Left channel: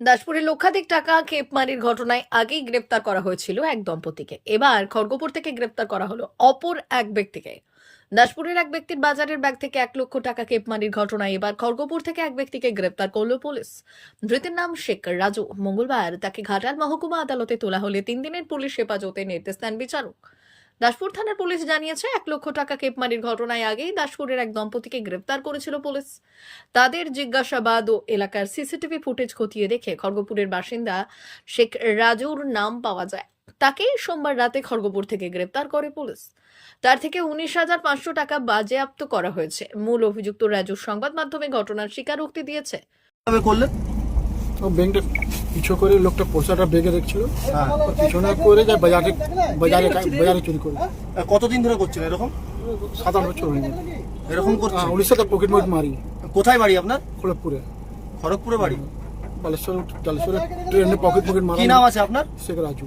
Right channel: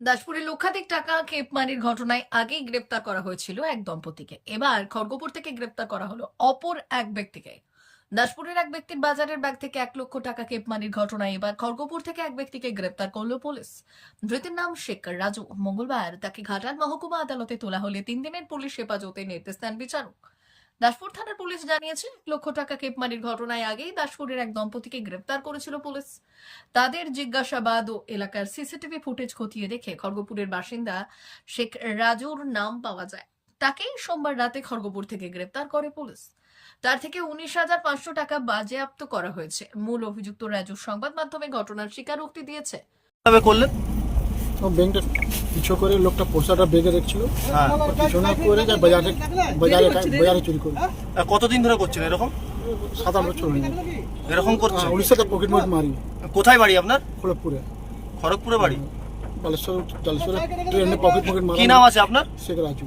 দাসপুরে লক্ষাধিক টাকা কেপমারির ঘটনায় আগেই গ্রেপ্তার করা হয়েছিল এক দম্পতিকে। এবার খড়গপুর থেকে গ্রেপ্তার করা হলো অপর এক ব্যক্তিকে। দাসপুরের এক ব্যক্তির বাজারের ব্যাগ থেকে এক লক্ষ টাকা কেপমারির ঘটনায় এবার খড়গপুর থেকে এক ব্যক্তিকে গ্রেপ্তার করল পুলিশ। ধৃতের নাম শেখ রাজু। মঙ্গলবার তাকে ঘাটাল মহকুমা আদালতে তোলা হলে তিন দিনের পুলিশ হেফাজতে নির্দেশ দেন বিচারক। দাসপুর থানার পুলিশ জানিয়েছে, এক লক্ষ টাকা কেপমারির ঘটনায় আগেই দাসপুরের এক দম্পতিকে গ্রেপ্তার করেছিল পুলিশ। তাদের জিজ্ঞাসাবাদ ও এলাকার সিসিটিভি ফুটেজ খতিয়ে দেখে খড়গপুরের বাসিন্দা শেখ রাজুর নাম পাওয়া যায়। তাকে সোমবার রাতে খড়গপুর থেকে গ্রেপ্তার করে পুলিশ। তার থেকে উনিশ হাজার পাঁচশো টাকা বাজেয়াপ্ত করা হয়েছে। মূল অভিযুক্ত রাজু সংবাদ মাধ্যমে ঘটনার স্বীকারোক্তি দিয়েছে। ব্যাংকটা পিছু করে লোকটা পয়সাটা বেগে দেখছিল হ্যাঁ। পিছনে করে যায় বাজারে বাজারে বাজারে চুরি করে। আর কতদিন ধরে করছেন এরকম? সাত আট বছর হয়ে গেল। এরকম করছে হ্যাঁ, উড়িষ্যাতে পকেট মার মারি। কোথায় বাড়ি আপনার? খড়গপুরে। খড়গপুরে বাড়ি? বালেশ্বর জালেশ্বরে ট্রেনে পকেট পকেট মারা কি নাম আছে আপনার? শেখ রাজু।